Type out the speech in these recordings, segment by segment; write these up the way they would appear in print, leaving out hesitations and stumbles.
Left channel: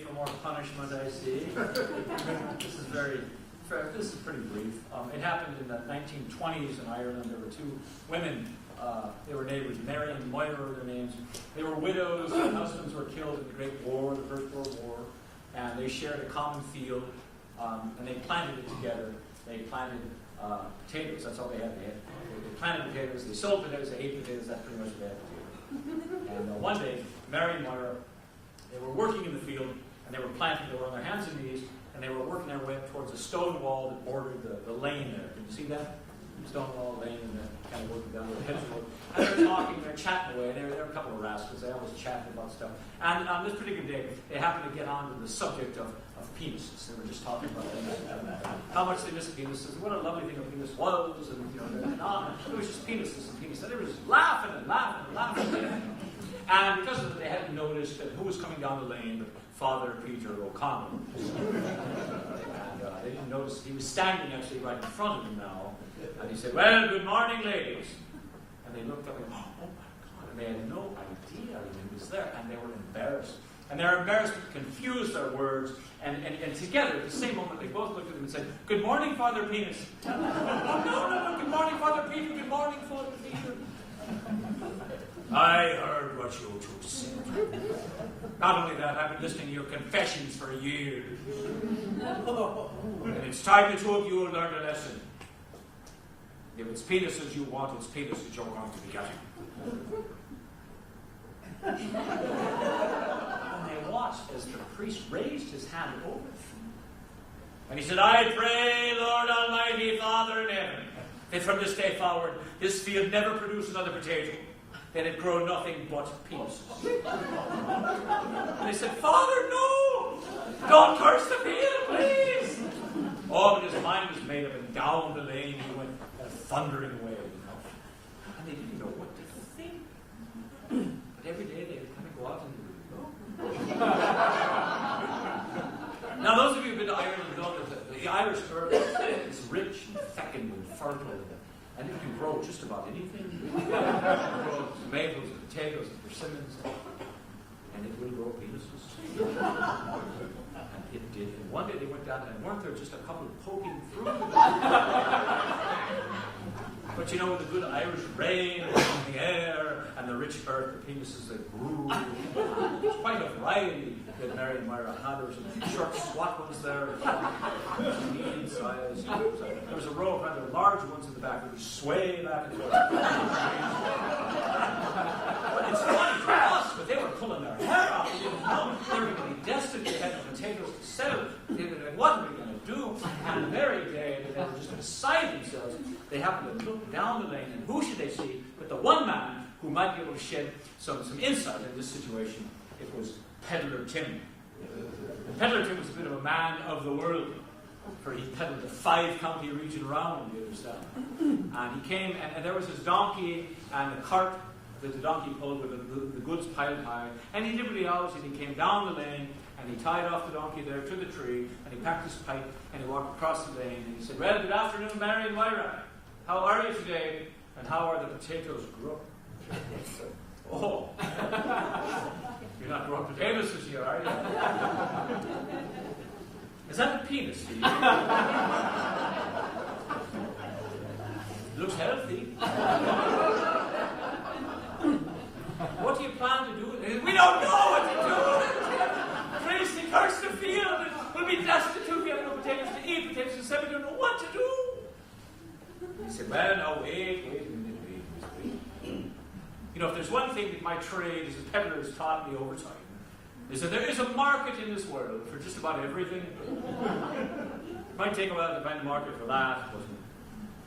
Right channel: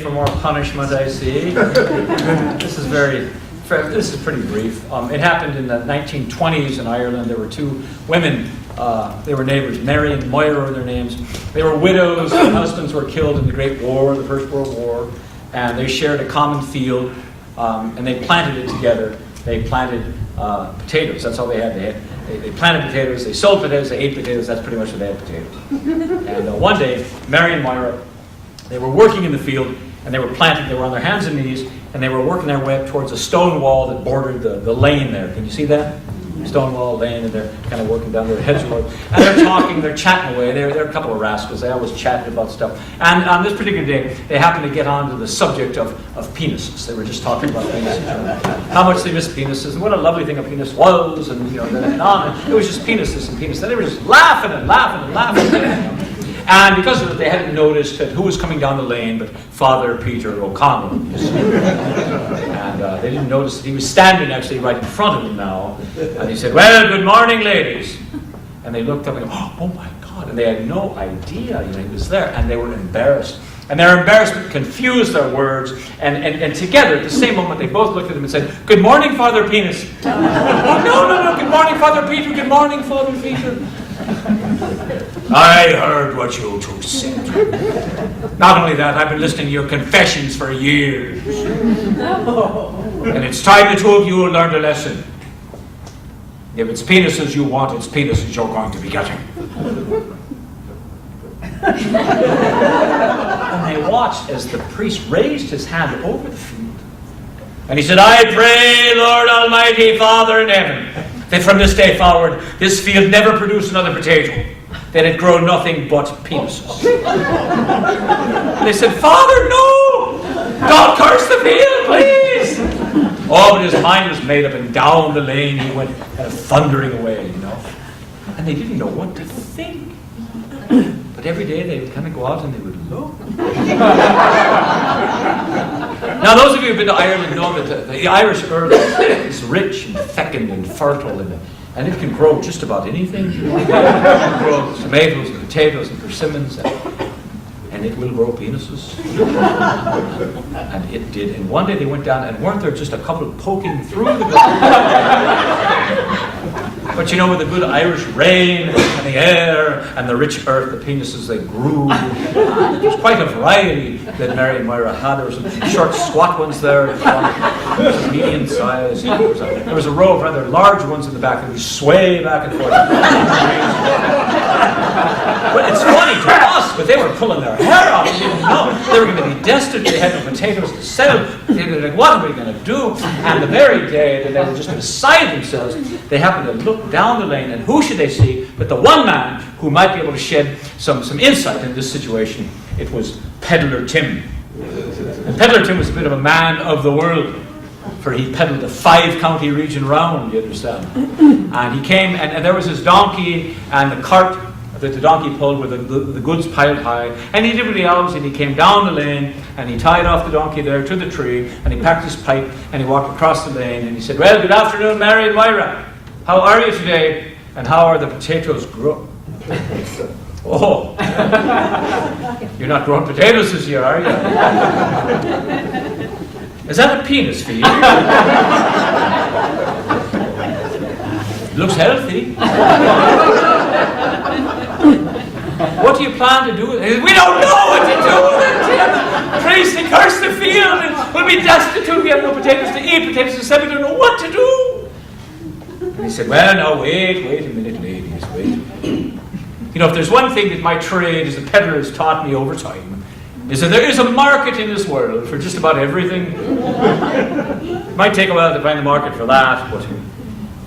For more punishment, I see. This is pretty brief. It happened in the 1920s in Ireland. There were two women. They were neighbors. Mary and Moira were their names. They were widows. Their husbands were killed in the Great War, the First World War, and they shared a common field. And they planted it together. They planted potatoes. That's all they had. They planted potatoes. They sold potatoes. They ate potatoes. That's pretty much what they had, potatoes. And one day, Mary and Moira, they were working in the field, and they were planting. They were on their hands and knees, and they were working their way up towards a stone wall that bordered the lane there. Can you see that? Stone wall, lane, and they're kind of working down their hedgerow. And they're talking, they're chatting away. They're a couple of rascals. They always chatted about stuff. And on this particular day, they happened to get onto the subject of penises. They were just talking about penises. How much they missed penises, and what a lovely thing a penis was, and and on. It was just penises and penises. And they were just laughing and laughing and laughing. And because of it, they hadn't noticed who was coming down the lane but Father Peter O'Connell. And they didn't notice that he was standing actually right in front of them now. And he said, "Well, good morning, ladies." And they looked up and go, "Oh my God." And they had no idea he was there. And they were embarrassed. And their embarrassment confused their words. And together, at the same moment, they both looked at him and said, "Good morning, Father Penis." No. Good morning, Father Peter. Good morning, Father Peter. "I heard what you two said. Not only that, I've been listening to your confessions for years. And it's time the two of you learned a lesson. If it's penises you want, it's penises you're going to be getting." And they watched as the priest raised his hand over the field. And he said, "I pray, Lord Almighty Father in heaven, that from this day forward, this field never produce another potato, that it grow nothing but penises." And they said, "Father, no! Don't curse the field, please!" Oh, but his mind was made up, and down the lane he went kind of thundering away, And they didn't know what to think. But every day they would kind of go out and they would look. Now, those of you who've been to Ireland know that the Irish earth is rich and fecund and fertile, and it can grow just about anything. It can grow tomatoes and potatoes and persimmons, and it will grow penises. And it did. And one day they went down, and weren't there just a couple poking through the ground? But with the good Irish rain and the air and the rich earth, the penises, they grew. There was quite a variety that Mary and Moira had. There were some short, squat ones there, some medium size. There was a row of rather large ones in the back that would sway back and forth. But it's funny to us, but they were pulling their hair out. They didn't know. They were going to be destitute. They had no potatoes to sell. They were like, what are we going to do? And the very day that they were just beside themselves, they happened to look down the lane, and who should they see but the one man who might be able to shed some insight in this situation. It was Peddler Tim. And Peddler Tim was a bit of a man of the world, for he peddled a 5-county region round, you understand. And he came, and there was his donkey and the cart that the donkey pulled with the goods piled high, and he did what he always did. He came down the lane, and he tied off the donkey there to the tree, and he packed his pipe, and he walked across the lane, and he said, "Well, good afternoon, Mary and Moira. How are you today, and how are the potatoes growing?" "Oh, you're not growing potatoes this year, are you?" "Is that a penis for you?" "Looks healthy." "What do you plan to do with it?" "We don't know what to do with it, Tim. Priest, they curse the field, and we'll be destitute. We have no potatoes to eat, potatoes to sell. We don't know what to do." And he said, "Well, now, wait a minute, ladies, wait. If there's one thing that my trade as a peddler has taught me over time, is that there is a market in this world for just about everything. It might take a while to find the market for that,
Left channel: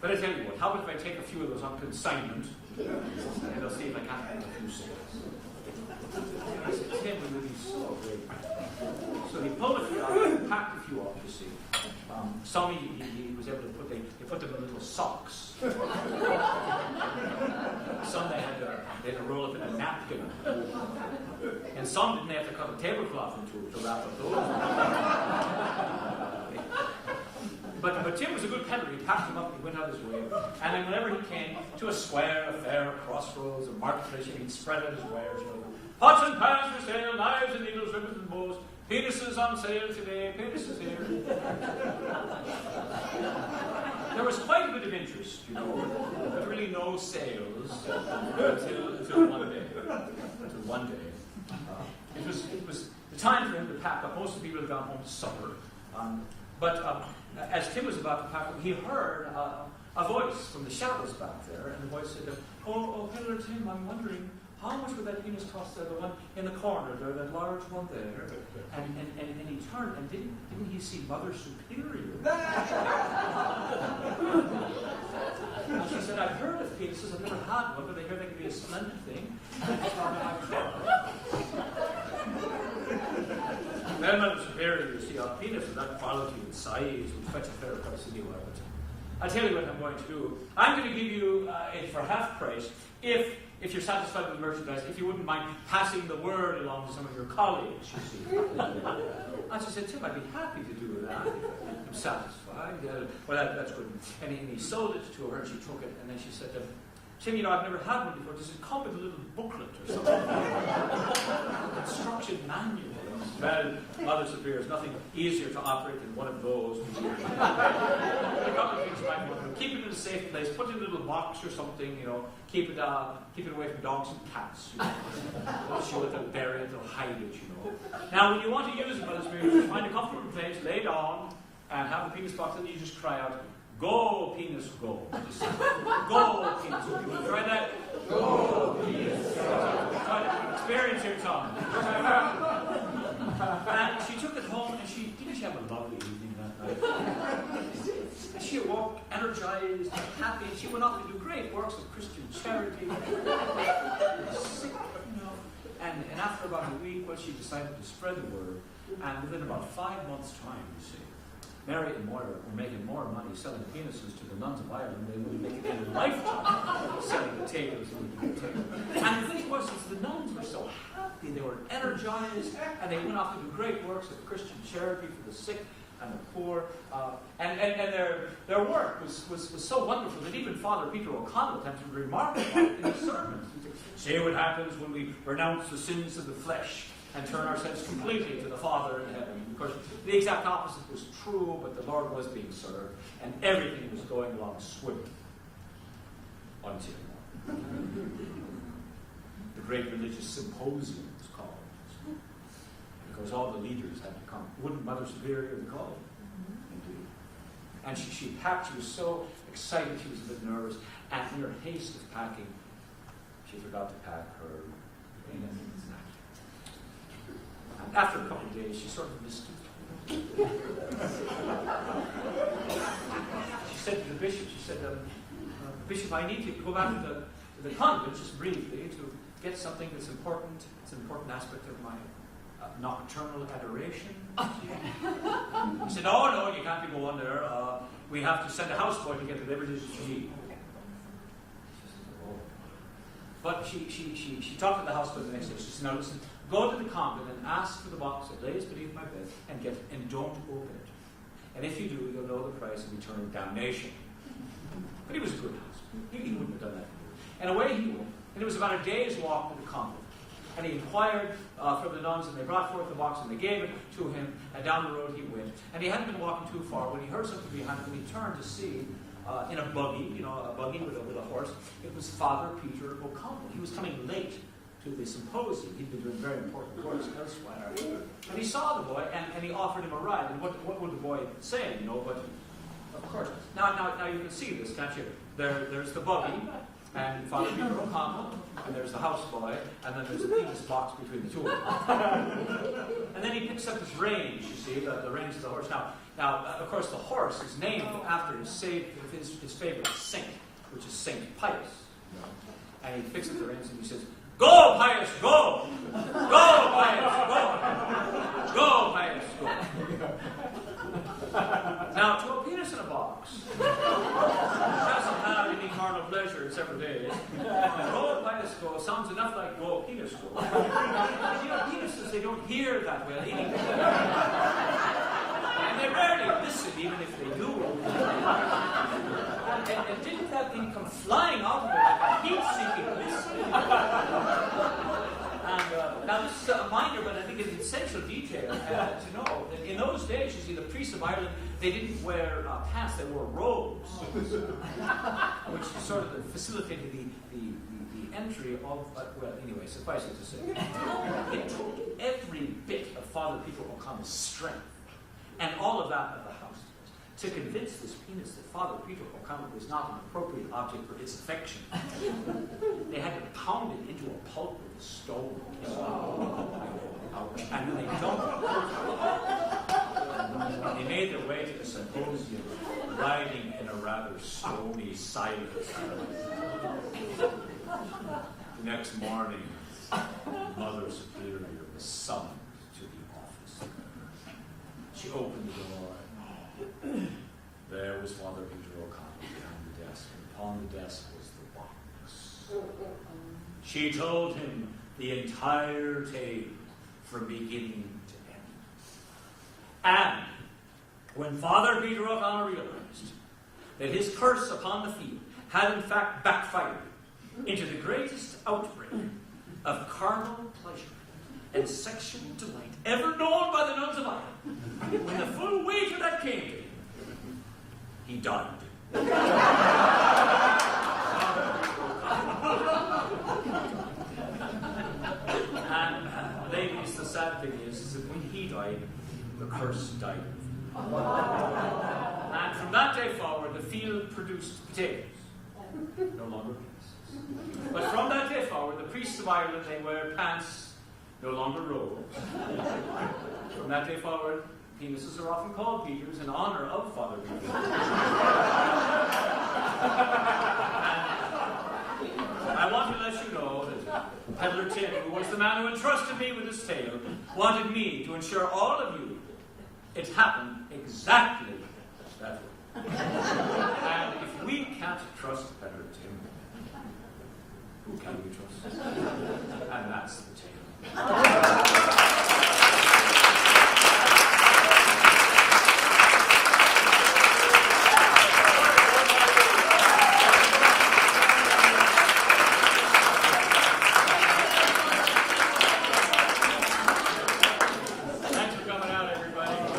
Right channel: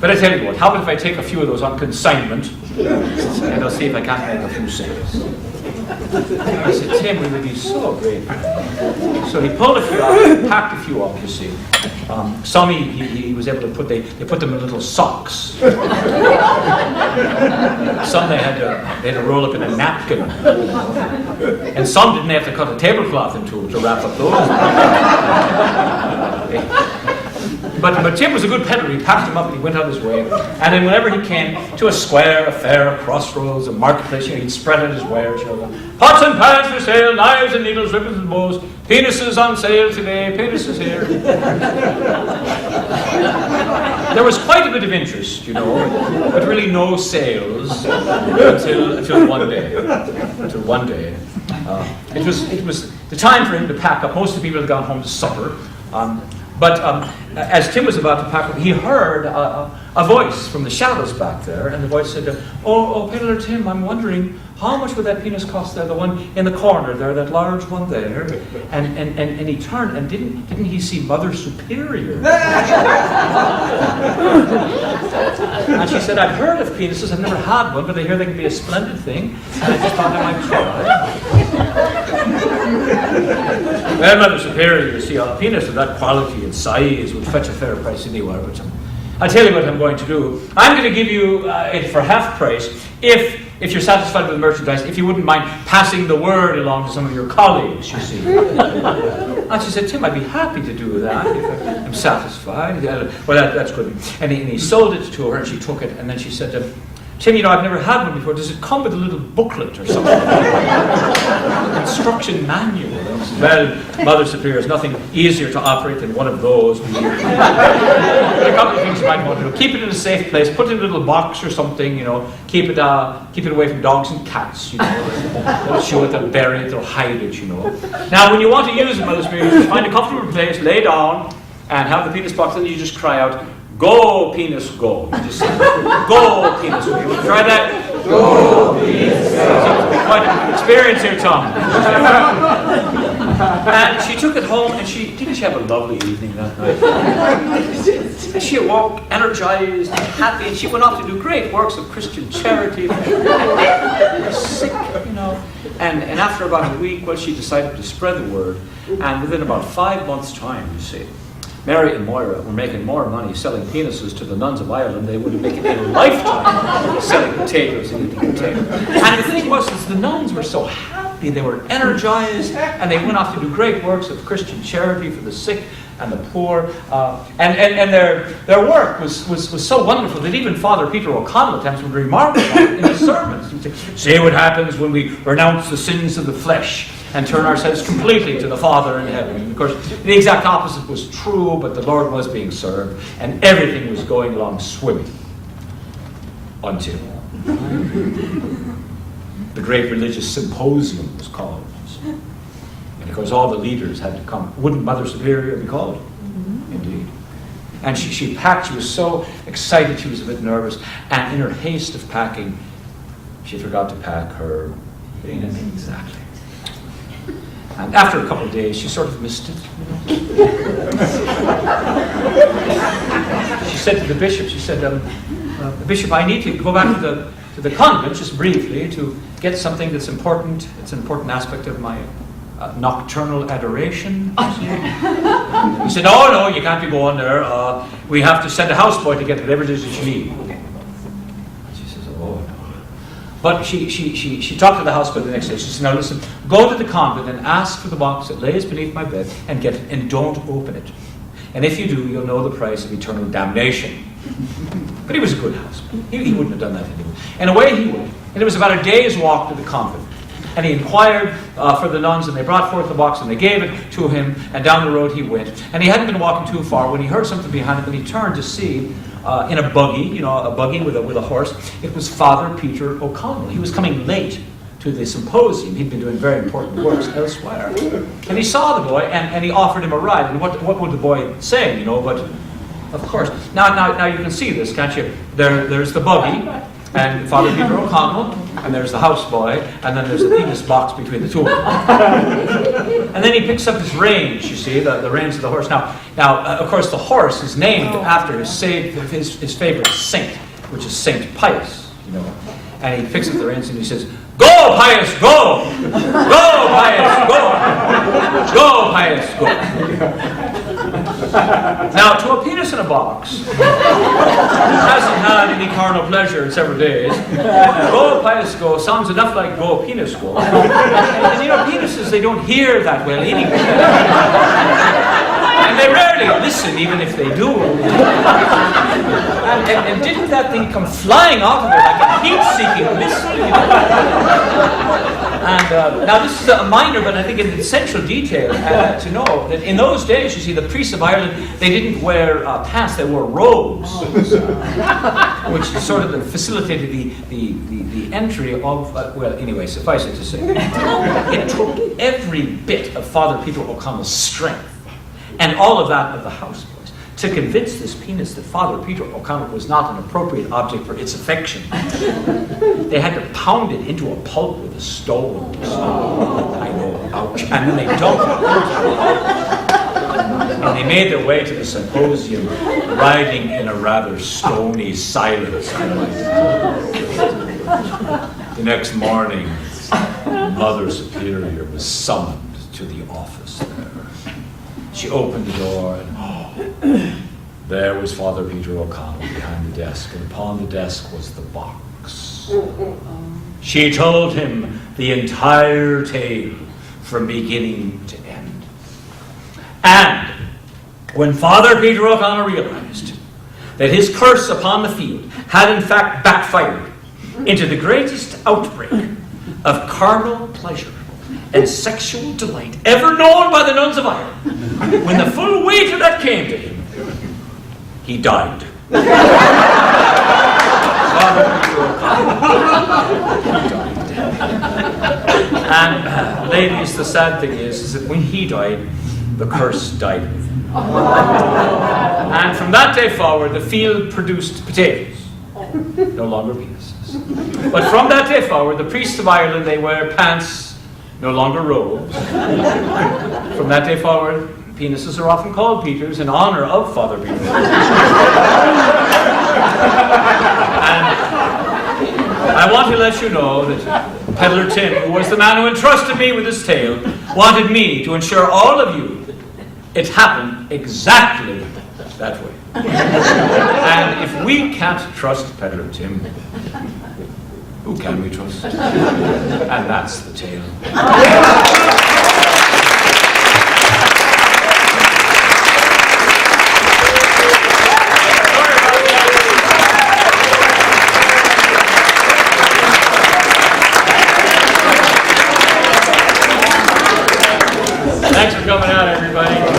but I tell you what, how about if I take a few of those on consignment, and I'll see if I can't make a few sales." I said, "Tim, we would be so grateful." So he pulled a few out, he packed a few off, you see. Some he was able to they put them in little socks. Some they had to roll up in a napkin. And some didn't have to cut a tablecloth in two to wrap up those. But Tim was a good peddler. He packed him up and he went on his way. And then whenever he came to a square, a fair, a crossroads, a marketplace, he'd spread out his wares. Pots and pans for sale, knives and needles, ribbons and bows, penises on sale today, penises here. There was quite a bit of interest, but really no sales until one day. It was the time for him to pack up. Most of the people had gone home to supper. But as Tim was about to pack up, he heard a voice from the shadows back there, and the voice said, "Oh, Peddler Tim, I'm wondering, how much would that penis cost there, the one in the corner there, that large one there?" And he turned, and didn't he see Mother Superior? And she said, "I've heard of penises, I've never had one, but I hear they can be a splendid thing, and I just thought I might try." Well, Mother Superior, you see, a penis of that quality and size would fetch a fair price anywhere, but I'll tell you what I'm going to do. I'm going to give you it for half price if you're satisfied with the merchandise, if you wouldn't mind passing the word along to some of your colleagues, you see. And she said, "Tim, I'd be happy to do that if I'm satisfied." Well, that's good. And he sold it to her, and she took it, and then she said, "Tim, I've never had one before. Does it come with a little booklet or something?" Instruction manual. Well, Mother Superior, is nothing easier to operate than one of those. A couple of things you might want to do. Keep it in a safe place. Put it in a little box or something, Keep it away from dogs and cats, They'll show it, they'll bury it, they'll hide it, Now, when you want to use it, Mother Superior, just find a comfortable place, lay down, and have the penis box, and you just cry out, "Go, penis, go." You just say, "Go, penis, go." You want to try that? Go, penis, go. Quite an experience here, Tom. And she took it home, and didn't she have a lovely evening that night? And she awoke energized and happy, and she went off to do great works of Christian charity. And sick, And after about a week, she decided to spread the word, and within about 5 months' time, you see, Mary and Moira were making more money selling penises to the nuns of Ireland than they would have made in a lifetime selling potatoes and eating potatoes. And the thing was, the nuns were so happy, they were energized, and they went off to do great works of Christian charity for the sick and the poor. And their work was so wonderful that even Father Peter O'Connell at times would remark on it in his sermons. He'd say, "See what happens when we renounce the sins of the flesh and turn ourselves completely to the Father in heaven." And of course, the exact opposite was true, but the Lord was being served, and everything was going along swimming. Until the great religious symposium was called. And of course, all the leaders had to come. Wouldn't Mother Superior be called? Indeed. And she packed, she was so excited, she was a bit nervous, and in her haste of packing, she forgot to pack her penis. Exactly. And after a couple of days, she sort of missed it. She said to the bishop, "Bishop, I need to go back to the convent, just briefly, to get something that's important. It's an important aspect of my nocturnal adoration." He said, "Oh, no, you can't be going there. We have to send a houseboy to get whatever it is that you need." She says, "Oh, no." But she talked to the houseboy the next day. She said, "Now listen, go to the convent and ask for the box that lays beneath my bed and get it, and don't open it. And if you do, you'll know the price of eternal damnation." But he was a good houseman. He wouldn't have done that anyway. And away he went. And it was about a day's walk to the convent. And he inquired for the nuns, and they brought forth the box, and they gave it to him, and down the road he went. And he hadn't been walking too far when he heard something behind him, and he turned to see, in a buggy, a buggy with a horse, it was Father Peter O'Connell. He was coming late to the symposium. He'd been doing very important works elsewhere. And he saw the boy, and he offered him a ride. And what would the boy say, but of course. Now you can see this, can't you? There's the buggy, and Father Peter O'Connell, and there's the houseboy, and then there's the penis box between the two of them. And then he picks up his reins, you see, the reins of the horse. Now, of course, the horse is named after his favorite saint, which is Saint Pius, And he picks up the reins and he says, "Go, Pius, go! Go, Pius, go! Go, Pius, go!" Now, to a penis in a box, hasn't had any carnal pleasure in several days, "Go, Pius, go" sounds enough like "Go, penis, go." And penises, they don't hear that well anyway. And they rarely listen, even if they do. And didn't that thing come flying out of there like a heat-seeking missile? You know? And now this is a minor, but I think an essential detail to know that in those days, you see, the priests of Ireland, they didn't wear pants; they wore robes, which sort of facilitated the entry of. Well, anyway, suffice it to say, it took every bit of Father Peter O'Connell's strength and all of that of the houseboys to convince this penis that Father Peter O'Connell was not an appropriate object for its affection. They had to pound it into a pulp with a stone. I know, ouch. And then they dumped it. And they made their way to the symposium, riding in a rather stony silence. The next morning, Mother Superior was summoned to the office there. She opened the door, and there was Father Peter O'Connell behind the desk, and upon the desk was the box. She told him the entire tale from beginning to end. And when Father Peter O'Connell realized that his curse upon the field had in fact backfired into the greatest outbreak of carnal pleasure and sexual delight ever known by the nuns of Ireland, when the full weight of that came to him, he died. Father Peter O'Connell. He died. And ladies, the sad thing is that when he died, the curse died with him. And from that day forward, the field produced potatoes, no longer penises. But from that day forward, the priests of Ireland, they wear pants, no longer robes. From that day forward, penises are often called Peters in honor of Father Peter. And I want to let you know that Peddler Tim, who was the man who entrusted me with this tale, wanted me to ensure all of you it happened exactly that way. And if we can't trust Peddler Tim, who can we trust? And that's the tale. Thanks for coming out, everybody.